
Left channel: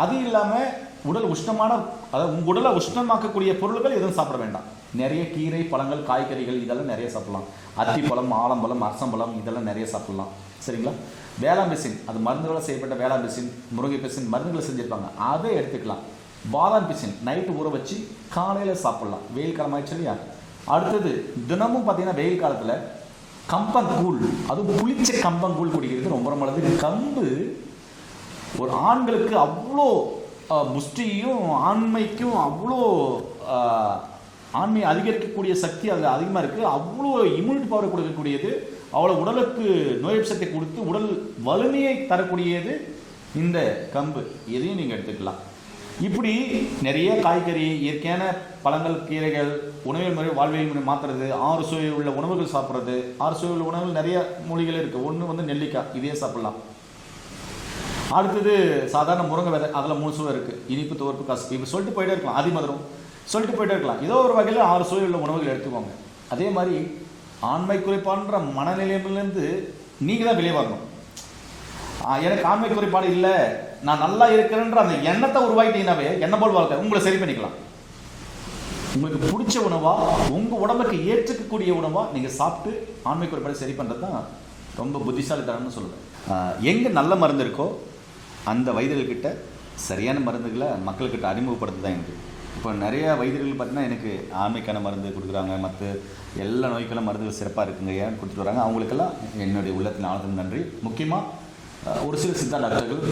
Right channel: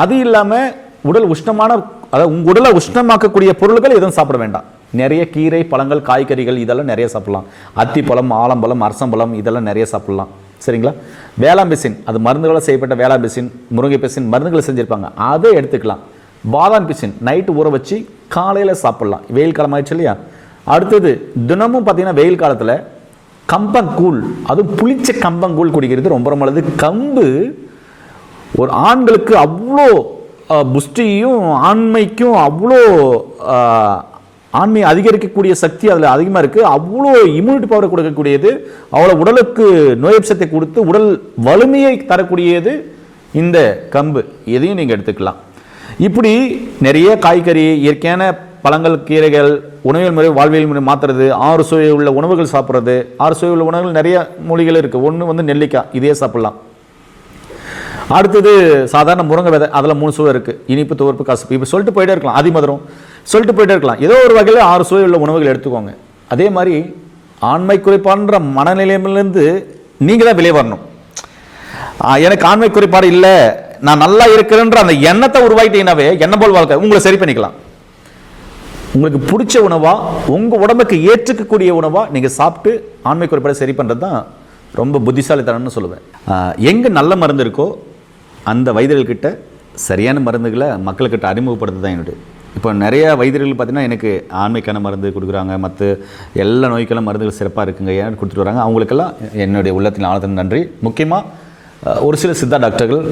அது இல்லாமல் உடல் உஷ்ணமான, அதாவது உங்கள் உடலை உஷ்ணமாக்கக்கூடிய பொருட்கள் எதுவும் சாப்பிட வேண்டாம். நிறைய கீரை, பழங்கள், காய்கறிகள் இதெல்லாம் நிறைய சாப்பிடலாம். அத்திப்பழம், ஆலம்பழம், அரசம்பழம் இதெல்லாம் நிறைய சாப்பிடலாம். சரிங்களா? வேளாம்பிசின், அது மருந்துகளை செய்யப்பட்ட வேளாம்பிசின், முருங்கை பிசின் மருந்துகளை செஞ்சுருப்பாங்க, அதை எடுத்துக்கலாம். பாதாம் பிசின் நைட்டு ஊற வச்சு காலையில் சாப்பிடலாம். வெயில் காலம் ஆயிடுச்சு இல்லையா? அடுத்தது, தினமும் பார்த்தீங்கன்னா வெயில் காலத்தில் கம்பங்கூழ், அதுவும் புளிச்ச கம்பங்கூழ் குடிக்கிறது ரொம்ப ரொம்ப நல்லது. கம்பு ஒரு ஆண்களுக்கு அவ்வளோ புஷ்டியும் ஆண்மைக்கும் அவ்வளோ ஆண்மை அதிகரிக்கக்கூடிய சக்தி அதில் அதிகமாக இருக்குது. அவ்வளோ இம்யூனிட்டி பவரை கொடுக்கக்கூடியது, அவ்வளோ உடலுக்கு நோயப்சத்தை கொடுத்து உடல் வலிமையை தரக்கூடியது இந்த கம்பு. இதையும் நீங்கள் எடுத்துக்கலாம். இப்படி நிறைய காய்கறி, இயற்கையான பழங்கள், கீரைகள், உணவியல் முறை, வாழ்வியல் முறை மாற்றுறது, 6 சுவை உள்ள உணவுகள் சாப்பிட்றது. 6 சுவை உள்ள உணவுகள் நிறைய மூலிகள் இருக்குது. ஒன்று நெல்லிக்காய், இதே சாப்பிட்லாம். அடுத்தது சாதாரண முருங்கை விதை, அதில் 3 சுவை இருக்குது, இனிப்பு, துவர்ப்பு, கசப்பு. இப்போ சொல்லிட்டு போயிட்டே இருக்கலாம். அதிமதுரம் சொல்லிட்டு போயிட்டே இருக்கலாம். ஏதோ ஒரு வகையில் 6 சுவை உள்ள உணவுகள் எடுத்துக்கோங்க. அதே மாதிரி ஆண்மை குறைபாடுன்ற மனநிலையிலிருந்து நீங்கள் தான் வெளியே வரணும். எனக்கு ஆண்மை குறைபாடு இல்லை, நான் நல்லா இருக்கிறேன்ற அந்த எண்ணத்தை உருவாக்கிட்டீங்கன்னாவே எண்ணம் போல் வாழ்க்கை உங்களை சரி பண்ணிக்கலாம். உங்களுக்கு பிடிச்ச உணவா, உங்கள் உடம்புக்கு ஏற்றுக்கக்கூடிய உணவா நீங்கள் சாப்பிட்டு ஆண்மை குறைபாடு சரி பண்ணுறது தான் ரொம்ப புத்திசாலித்தனம்னு சொல்லுவேன். எங்கே நல்ல மருந்து இருக்கோ அந்த வைத்தியர்கள்கிட்ட சரியான மருந்துகளை மக்கள்கிட்ட அறிமுகப்படுத்த தான் என்னுடைய. இப்போ நிறைய வைத்தியர்கள் பார்த்தீங்கன்னா எனக்கு ஆண்மைக்கான மருந்து கொடுக்குறாங்க, மற்ற எல்லா நோய்க்கெல்லாம் மருந்துகள் சிறப்பாக இருக்குங்க ஏன்னு கொடுத்துட்டு வராங்க. அவங்களுக்கெல்லாம் என்னுடைய உள்ளத்தின் ஆழத்தின் நன்றி. முக்கியமாக ஒரு சில சித்தா டாக்டர்கள்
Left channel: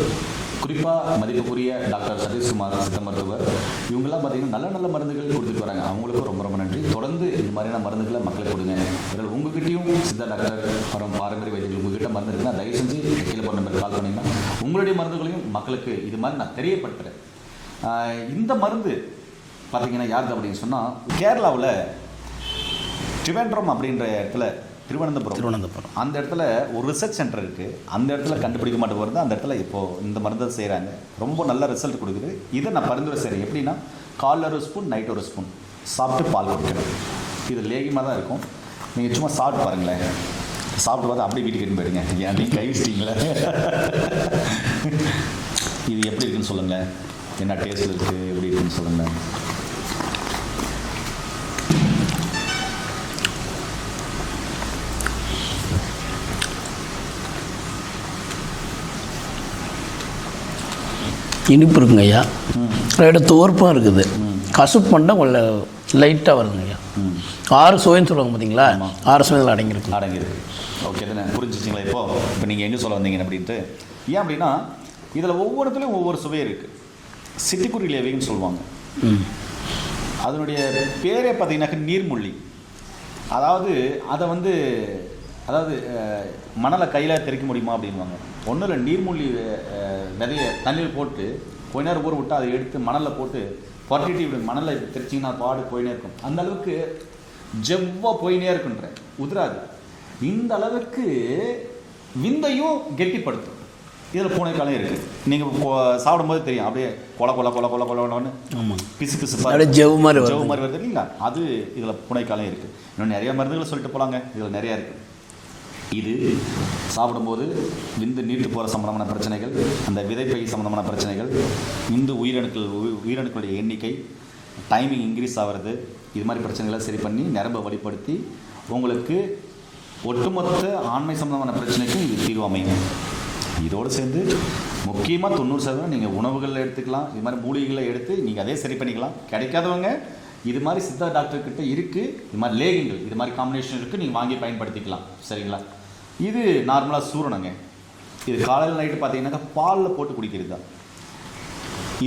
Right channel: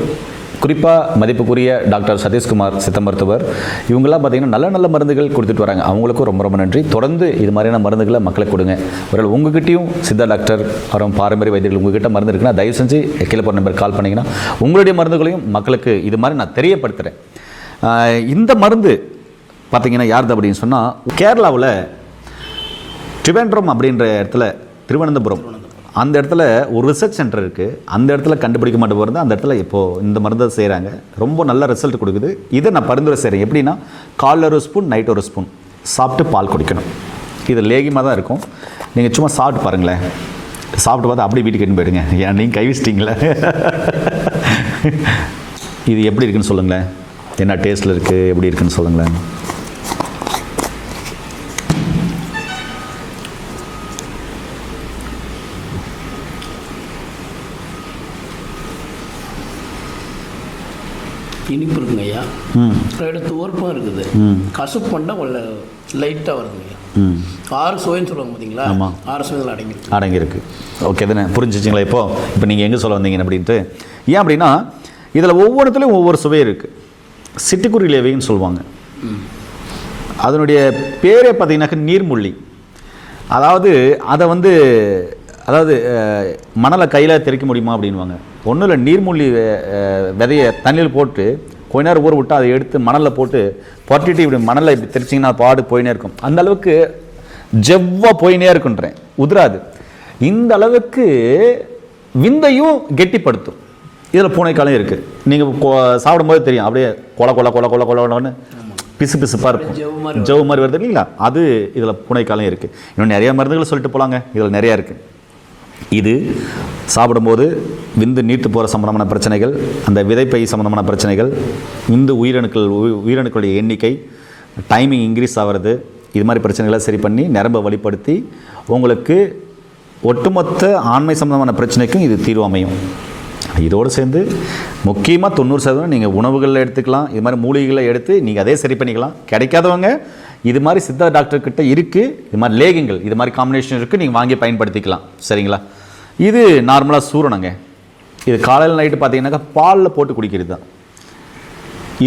குறிப்பாக மதிப்புக்குரிய டாக்டர் சதீஷ்குமார் சித்த மருத்துவர் இவங்கெல்லாம் பார்த்தீங்கன்னா நல்ல நல்ல மருந்துகள் கொடுத்துட்டு வராங்க. அவங்களுக்கும் ரொம்ப ரொம்ப நன்றி. தொடர்ந்து இது மாதிரியான மருந்துகளை மக்களுக்கு கொடுங்க. ஒரு உங்ககிட்டயும் சித்தா டாக்டர் அப்புறம் பாரம்பரிய வைத்தியர்கள் உங்ககிட்ட மருந்து இருக்குன்னா தயவு செஞ்சு கீழே போகிற நம்பர் கால் பண்ணிங்கன்னா உங்களுடைய மருந்துகளையும் மக்களுக்கு இது மாதிரி நான் தெரியப்படுத்துகிறேன். இந்த மருந்து பார்த்தீங்கன்னா யாருது அப்படின்னு சொன்னால் கேரளாவில் ட்ரிவேண்ட்ரம் அப்படின்ற இடத்துல திருவனந்தபுரம் அந்த இடத்துல ஒரு ரிசர்ச் சென்டர் இருக்குது. அந்த இடத்துல கண்டுபிடிக்க மாட்டே போகிறது. அந்த இடத்துல இப்போது இந்த மருந்தை செய்கிறாங்க. ரொம்ப நல்ல ரிசல்ட் கொடுக்குது. இதை நான் பரிந்துரை செய்கிறேன். எப்படின்னா காலைல ஒரு ஸ்பூன் நைட் ஒரு ஸ்பூன் சாப்பிட்டு பால் குடிக்கணும். இது லேகியமாக தான் இருக்கும். நீங்கள் சும்மா சாப்பிட்டு பாருங்களேன். சாப்பிட்டு பார்த்து அப்படியே வீட்டுக்கு எடுத்து போயிடுங்க. ஏன் நீங்கள் கை வச்சிட்டிங்களே. இது எப்படி இருக்குன்னு சொல்லுங்களேன். என்ன டேஸ்ட்டில் இருக்குது, எப்படி இருக்குன்னு சொல்லுங்களேன். இனிப்பு இருக்குங்க ஐயா. ரெண்டு துவர்ப்பாக இருக்குது. கசுப்பு பண்ணால் கொஞ்சம் லைட்டாக வருதுங்க ஐயா. 6 சுவைன்னு சொல்லுவாங்க பார்த்தீங்களா? 6 சுவைகள் அடங்கியிருக்கு. ஓகே தானே, புரிஞ்சிச்சிங்களா? இப்போ நீங்கள் எங்கே சொல்ல வந்தீங்க அப்படின்ட்டு. ஏன் அப்படின்னா இதில் ஒவ்வொருத்துலையும் ஒவ்வொரு சுவை இருக்குது. சிட்டுக்குருவி லேவின்னு சொல்லுவாங்க. அதனுடைய பேரே பார்த்தீங்கன்னாக்க நீர்முள்ளி. அதாவது அதை மணலை கையில் தெறிக்க முடியுமா அப்படின்வாங்க. ஒன்றும் இல்லை, நீர்மூழ்கி விதையை தண்ணியில் போட்டு கொஞ்ச நேரம் ஊற விட்டு அதை எடுத்து மணலில் போட்டு பொட்டிட்டு இப்படி மணலை இப்படி தெரிச்சிங்கன்னா பாடு போயினே இருக்கும். அந்த அளவுக்கு ஜெவ்வாக போயினே இருக்குன்றேன், உதிராது. இந்த அளவுக்கு விந்தையும் கெட்டிப்படுத்தும். இதில் பூனைக்காலம் இருக்குது. நீங்கள் சாப்பிடும்போது தெரியும், அப்படியே கொல கொல கொல கொல கொலன்னு பிசு பிசுப்பாக ஜெவ் மாதிரி வருது இல்லைங்களா? அது இதில் பூனைக்காலம் இருக்குது. இன்னும் நிறைய மருந்துகள் சொல்லிட்டு போகலாங்க. இதில் நிறையா இருக்குது. இது சாப்பிடும்போது விந்து நீர்த்து போகிற சம்பந்தமான பிரச்சனைகள், அந்த விதைப்பை சம்பந்தமான பிரச்சனைகள், விந்து உயிரணுக்களுடைய எண்ணிக்கை, டைமிங் இன்க்ரீஸ் ஆகிறது, இது மாதிரி பிரச்சனைகளை சரி பண்ணி நரம்பை வழிப்படுத்தி உங்களுக்கு ஒட்டுமொத்த ஆண்மை சம்பந்தமான பிரச்சனைக்கும் இது தீர்வு அமையும். இதோடு சேர்ந்து முக்கியமாக 90% நீங்கள் உணவுகளில் எடுத்துக்கலாம். இது மாதிரி மூலிகைகளை எடுத்து நீங்கள் அதே சரி பண்ணிக்கலாம். கிடைக்காதவங்க இது மாதிரி சித்தா டாக்டர்கிட்ட இருக்குது. இது மாதிரி லேகிங்கள், இது மாதிரி காம்பினேஷன் இருக்குது, நீங்கள் வாங்கி பயன்படுத்திக்கலாம். சரிங்களா? இது நார்மலாக சூரணங்க. இது காலையில் நைட்டு பார்த்தீங்கன்னாக்கா பாலில் போட்டு குடிக்கிறது தான்.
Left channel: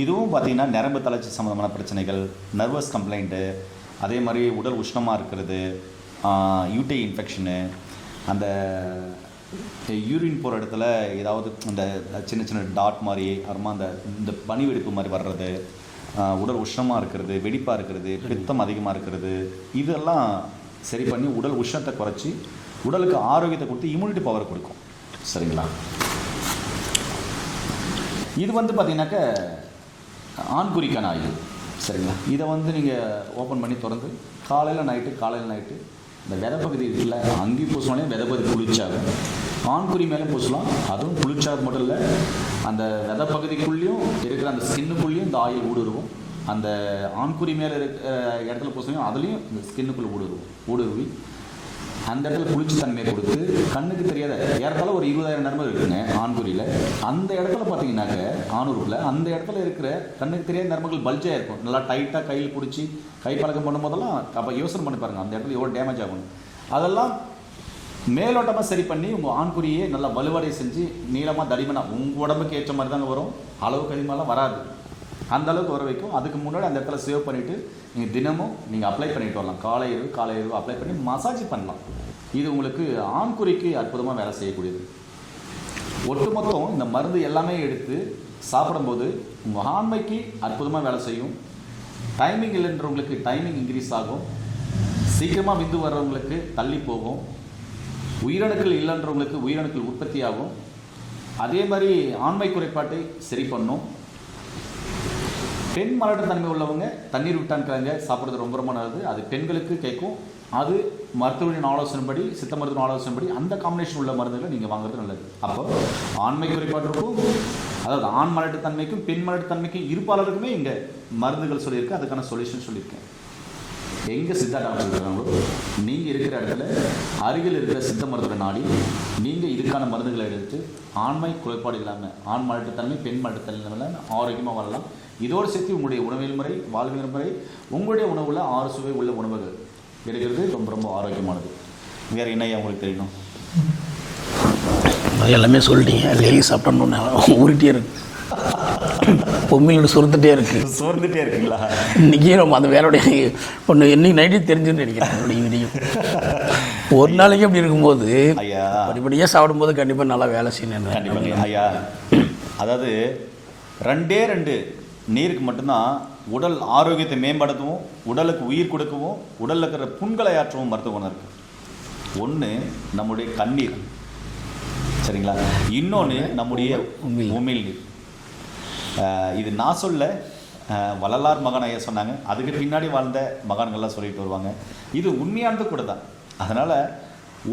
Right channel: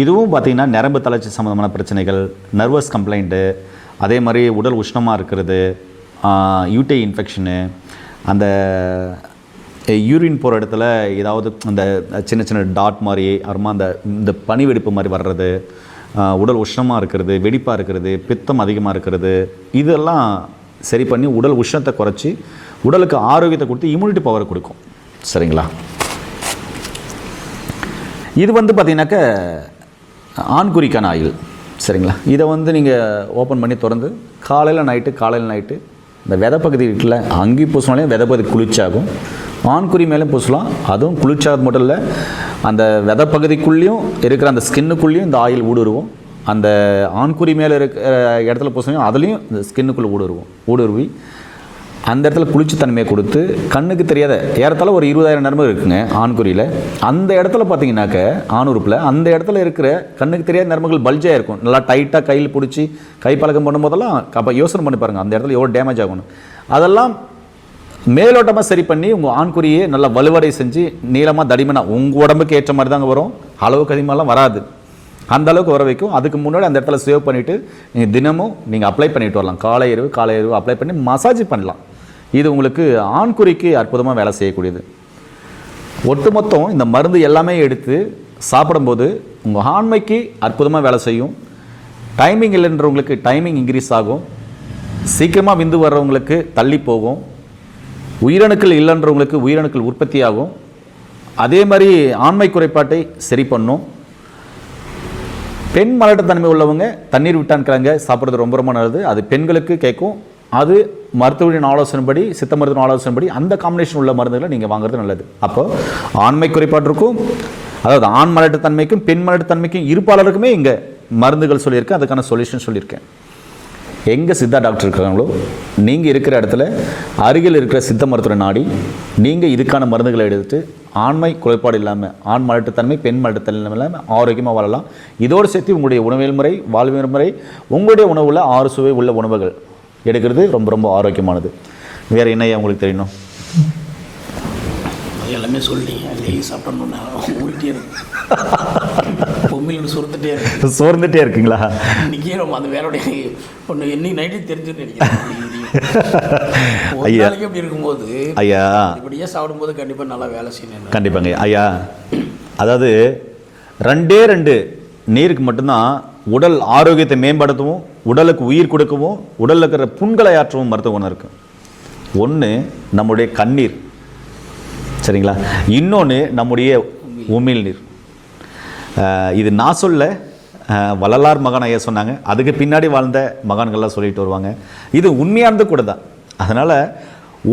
இதுவும் பார்த்தீங்கன்னா நரம்பு தளர்ச்சி சம்மந்தமான பிரச்சனைகள், நர்வஸ் கம்ப்ளைண்ட்டு, அதே மாதிரி உடல் உஷ்ணமாக இருக்கிறது, யூடிஐ இன்ஃபெக்ஷனு, அந்த யூரின் போகிற இடத்துல ஏதாவது அந்த சின்ன சின்ன டாட் மாதிரி அப்புறமா இந்த பனி வெடிப்பு மாதிரி வர்றது, உடல் உஷ்ணமாக இருக்கிறது, வெடிப்பாக இருக்கிறது, பித்தம் அதிகமாக இருக்கிறது, இதெல்லாம் சரி பண்ணி உடல் உஷ்ணத்தை குறைச்சி உடலுக்கு ஆரோக்கியத்தை கொடுத்து இம்யூனிட்டி பவரை கொடுக்கும். சரிங்களா? இது பார்த்திங்கனாக்க ஆண்குறிக்கான ஆயில். சரிங்களா? இதை நீங்கள் ஓப்பன் பண்ணி திறந்து காலையில் நைட்டு இந்த விதை பகுதி இருக்குல்ல, அங்கேயும் பூசினாலே விதை பகுதி குளிர்ச்சியாகும். ஆண்குறி மேலே பூசலாம். அதுவும் குளிர்ச்சாக மட்டும் இல்லை, அந்த விதை பகுதிக்குள்ளேயும் இருக்கிற அந்த ஸ்கின்னுக்குள்ளேயும் இந்த ஆயில் ஊடுருவோம். அந்த ஆண்குறி மேலே இருக்கிற இடத்துல பூசினா அதுலேயும் இந்த ஸ்கின்னுக்குள்ளே ஊடுருவி அந்த இடத்துல குளிர்ச்சித்தன்மையை கொடுத்து கண்ணுக்கு தெரியாத ஏறத்தாழ ஒரு 20,000 நரம்பு இருக்குங்க ஆண்குறியில். அந்த இடத்துல பார்த்தீங்கன்னாக்க ஆணுறுப்பில் அந்த இடத்துல இருக்கிற கண்ணுக்கு தெரியாத நரம்புகள் பல்ஜாக இருக்கும். நல்லா டைட்டாக கையில் பிடிச்சி பழக்கம் பண்ணும்போதெல்லாம் அப்போ யோசனை பண்ணி பாருங்கள் அந்த இடத்துல எவ்வளோ டேமேஜ் ஆகணும். அதெல்லாம் மேலோட்டமாக சரி பண்ணி உங்கள் ஆண்குறியை நல்லா வலுவடை செஞ்சு நீளமாக தடிமனாக உங்கள் உடம்புக்கு ஏற்ற மாதிரி தாங்க வரும். அளவுக்கு அதிகமாகலாம் வராது. அந்த அளவுக்கு வர வைக்கும். அதுக்கு முன்னாடி அந்த இடத்துல சேவ் பண்ணிவிட்டு நீங்கள் தினமும் நீங்கள் அப்ளை பண்ணிட்டு வரலாம். காலை இரவு அப்ளை பண்ணி மசாஜ் பண்ணலாம். இது உங்களுக்கு ஆண்குறிக்கு அற்புதமாக வேலை செய்யக்கூடியது. ஒட்டுமொத்தம் இந்த மருந்து எல்லாமே எடுத்து சாப்பிடும்போது உங்கள் ஆண்மைக்கு அற்புதமாக வேலை செய்யும். டைமிங் இல்லைன்றவங்களுக்கு டைமிங் இன்க்ரீஸ் ஆகும். சீக்கிரமாக விந்து வர்றவங்களுக்கு தள்ளி போகும். உயிரணுக்கள் இல்லைன்றவங்களுக்கு உயிரணுக்கள் உற்பத்தி ஆகும். அதே மாதிரி ஆண்மை குறைபாட்டை சரி பண்ணும். பெண் மலட்டுத்தன்மை உள்ளவங்க தண்ணீர் விட்டான்கிறாங்க சாப்பிட்றது ரொம்ப ரொம்ப நல்லது. அது பெண்களுக்கு கேட்கும். அது மருத்துவரின் ஆலோசனைப்படி, சித்த மருத்துவ ஆலோசனைப்படி அந்த காம்பினேஷன் உள்ள மருந்துகளை நீங்கள் வாங்குறது நல்லது. அப்போ ஆண்மை குறைபாட்டிற்கும், அதாவது ஆண் மலட்டுத்தன்மைக்கும் பெண் மலட்டுத்தன்மைக்கும் இருப்பாளருக்குமே இங்கே மருந்துகள் சொல்லியிருக்கேன். அதுக்கான சொல்யூஷன் சொல்லியிருக்கேன். எங்கே சித்தா டாக்டர் இருக்கிறாங்களோ நீங்கள் இருக்கிற இடத்துல அருகில் இருக்கிற சித்த மருத்துவ நாடி நீங்கள் இதுக்கான மருந்துகளை எடுத்து ஆண்மை குறைபாடு இல்லாமல், ஆண் மலட்டுத்தன்மை பெண் மலட்டுத்தன்மை இல்லாமல் ஆரோக்கியமாக வாழலாம். இதோடு சேர்த்து உங்களுடைய உணவியல் முறை, வாழ்வியல் முறை, உங்களுடைய உணவில் 6 சுவை உள்ள உணவுகள் எடுக்கிறது ரொம்ப ரொம்ப ஆரோக்கியமானது. வேறு என்ன உங்களுக்கு தெரியணும்? எல்லாமே சொல்லிட்டீங்க. லேகி சாப்பிட்டோன்னு உருட்டியே இருக்கு. உண்மையில் சுருந்துட்டே இருக்கு. சோர்ந்துட்டே இருக்குங்களா? இன்னைக்கு நம்ம அந்த வேலையுடைய ஒன்று என்னைக்கு நைட்டு தெரிஞ்சுன்னு நினைக்கிறேன். ஒரு நாளைக்கு அப்படி இருக்கும்போது ஐயா இப்படியே சாப்பிடும்போது கண்டிப்பாக நல்லா வேலை செய்யணும். கண்டிப்பாங்க ஐயா. அதாவது 2 நீருக்கு மட்டும்தான் உடல் ஆரோக்கியத்தை மேம்படுத்தவும், உடலுக்கு உயிர் கொடுக்கவும், உடலில் இருக்கிற புண்களை ஆற்றவும் மருத்துவ குணம் இருக்கு. ஒன்று நம்முடைய கண்ணீர், சரிங்களா? இன்னொன்று நம்முடைய உமிழ் நீர். இது நான் சொல்ல, வள்ளலார் மகான் ஐயா சொன்னாங்க. அதுக்கு பின்னாடி வாழ்ந்த மகான்கள்லாம் சொல்லிட்டு வருவாங்க. இது உண்மையானது கூட தான். அதனால்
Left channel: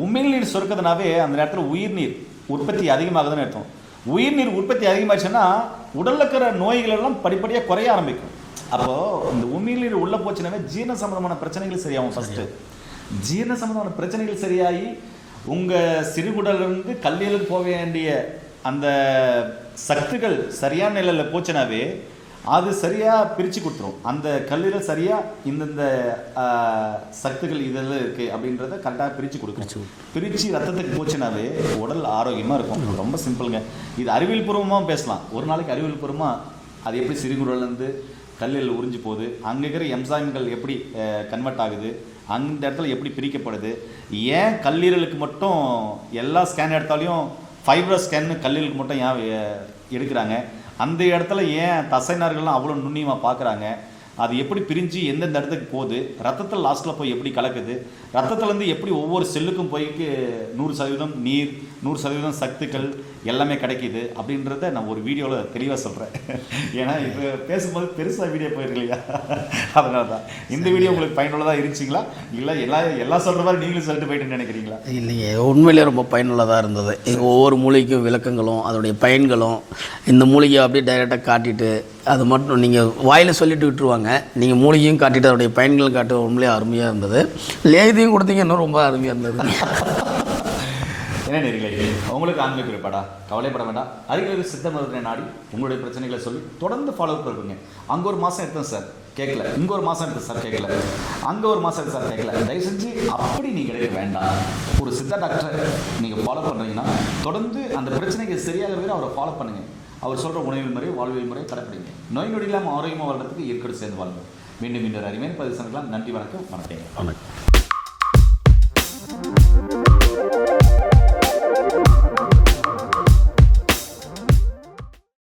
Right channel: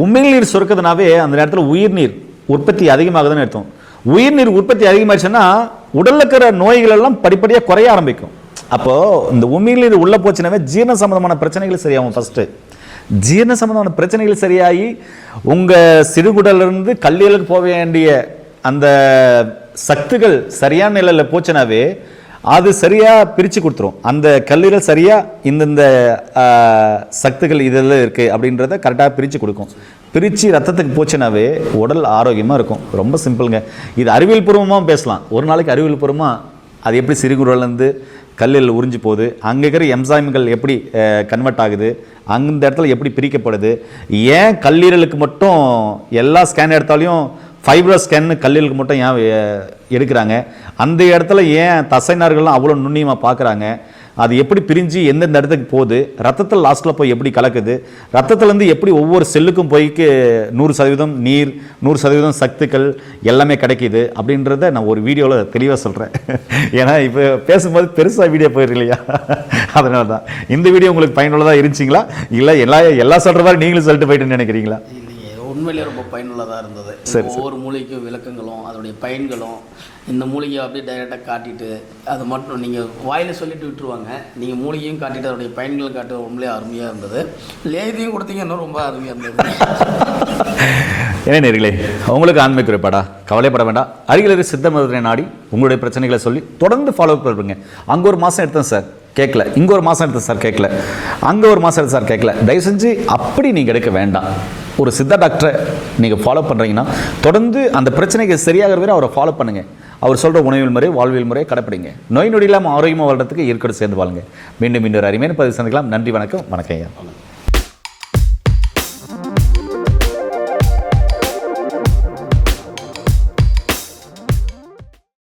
உமிழ்நீர் சுரக்கிறதுனாவே அந்த நேரத்தில் உயிர்நீர் உற்பத்தி அதிகமாகுதுன்னு அர்த்தம். உயிர்நீர் உற்பத்தி அதிகமாகிடுச்சுன்னா உடலில் இருக்கிற நோய்கள் எல்லாம் படிப்படியாக குறைய ஆரம்பிக்கும். அப்போது இந்த உமிழ்நீர் உள்ளே போச்சுனாவே ஜீரண சம்பந்தமான பிரச்சனைகள் சரியாகும். ஃபஸ்ட்டு ஜீரண சம்பந்தமான பிரச்சனைகள் சரியாகி உங்கள் சிறுகுடலிருந்து கல்லீரலுக்கு போக வேண்டிய அந்த சத்துக்கள் சரியான நிலையில் போச்சுனாவே அது சரியாக பிரித்து கொடுத்துரும். அந்த கல்லீரல் சரியாக இந்தந்த சத்துக்கள் இதெல்லாம் இருக்குது அப்படின்றத கரெக்டாக பிரித்து கொடுக்கும். பிரித்து ரத்தத்துக்கு போச்சுனாவே உடல் ஆரோக்கியமாக இருக்கும். ரொம்ப சிம்பிளுங்க. இது அறிவியல் பூர்வமாக பேசலாம். ஒரு நாளைக்கு அறிவியல் பூர்வமாக அது எப்படி சிறுகுடலேருந்து கல்லீரல் உறிஞ்சி போகுது, அங்கே இருக்கிற என்சைம்கள் எப்படி கன்வெர்ட் ஆகுது, அந்த இடத்துல எப்படி பிரிக்கப்படுது, ஏன் கல்லீரலுக்கு மட்டும் எல்லா ஸ்கேன் எடுத்தாலையும் ஃபைப்ரோ ஸ்கேன்னு கல்லீரலுக்கு மட்டும் ஏன் எடுக்கிறாங்க, அந்த இடத்துல ஏன் தசைநார்கள்லாம் அவ்வளோ நுண்ணியமாக பார்க்குறாங்க, அது எப்படி பிரிஞ்சு எந்தெந்த இடத்துக்கு போகுது, ரத்தத்தில் லாஸ்ட்டில் போய் எப்படி கலக்குது, ரத்தத்துலேருந்து எப்படி ஒவ்வொரு செல்லுக்கும் போய்க்கு 100% நீர் 100% சத்துக்கள் எல்லாமே கிடைக்கிது அப்படின்றத நான் ஒரு வீடியோவில் தெளிவாக சொல்கிறேன். ஏன்னா இப்போ பேசும்போது பெருசாக வீடியோ போயிருக்கு இல்லையா, அதனால தான். இந்த வீடியோ உங்களுக்கு பயனுள்ளதாக இருந்துச்சிங்களா, இல்லை எல்லாம் சொல்கிற மாதிரி நீங்களும் சொல்லிட்டு போயிட்டுன்னு நினைக்கிறீங்களா? இல்லைங்க, உண்மையிலே ரொம்ப பயனுள்ளதாக இருந்தது. ஒவ்வொரு மூலிகைக்கும் விளக்கங்களும் அதோடைய பயன்களும் இந்த மூலிகையை அப்படியே டைரெக்டாக காட்டிட்டு அது மட்டும் நீங்கள் வாயில் சொல்லிட்டு விட்டுருவாங்க. நீங்கள் மூலிகையும் காட்டிட்டு அதோடைய பயன்களும் காட்டு உண்மையிலே அருமையாக இருந்தது. லேதியும் கொடுத்தீங்க, இன்னும் ரொம்ப அருமையாக இருந்தது. என்ன நேர்களே, உங்களுக்கு ஆண்மை குறைபாடா? கவலைப்பட வேண்டாம். அருகில் இருக்கிற சித்த மருத்துவரை நாடி உங்களுடைய பிரச்சனைகளை சொல்லி தொடர்ந்து ஃபாலோ பண்ணுங்க. அங்கே ஒரு மாதம் எடுத்தேன் சார் கேட்கல, இங்கே ஒரு மாதம் எடுத்தேன் சார் கேட்கல, அங்கே ஒரு மாதம் எடுத்து சார் கேட்கல. தயவு செஞ்சு அப்படி நீங்கள் எடுக்க வேண்டாம். ஒரு சித்தா டாக்டரை நீங்கள் ஃபாலோ பண்ணுறீங்கன்னா தொடர்ந்து அந்த பிரச்சனைக்கு சரியாக வரை அவரை ஃபாலோ பண்ணுங்கள். அவர் சொல்கிற உணவியல் முறை, வாழ்வியல் முறையை கடைப்பிடிங்க. நோய் நொடி இல்லாமல் ஆரோக்கியமாக வாழ்றதுக்கு இயற்கை சேர்ந்து வாழுங்க. மீண்டும் இன்னொரு அருமையான பதிவு சந்திக்கலாம். நன்றி, வணக்கம். வணக்கம்.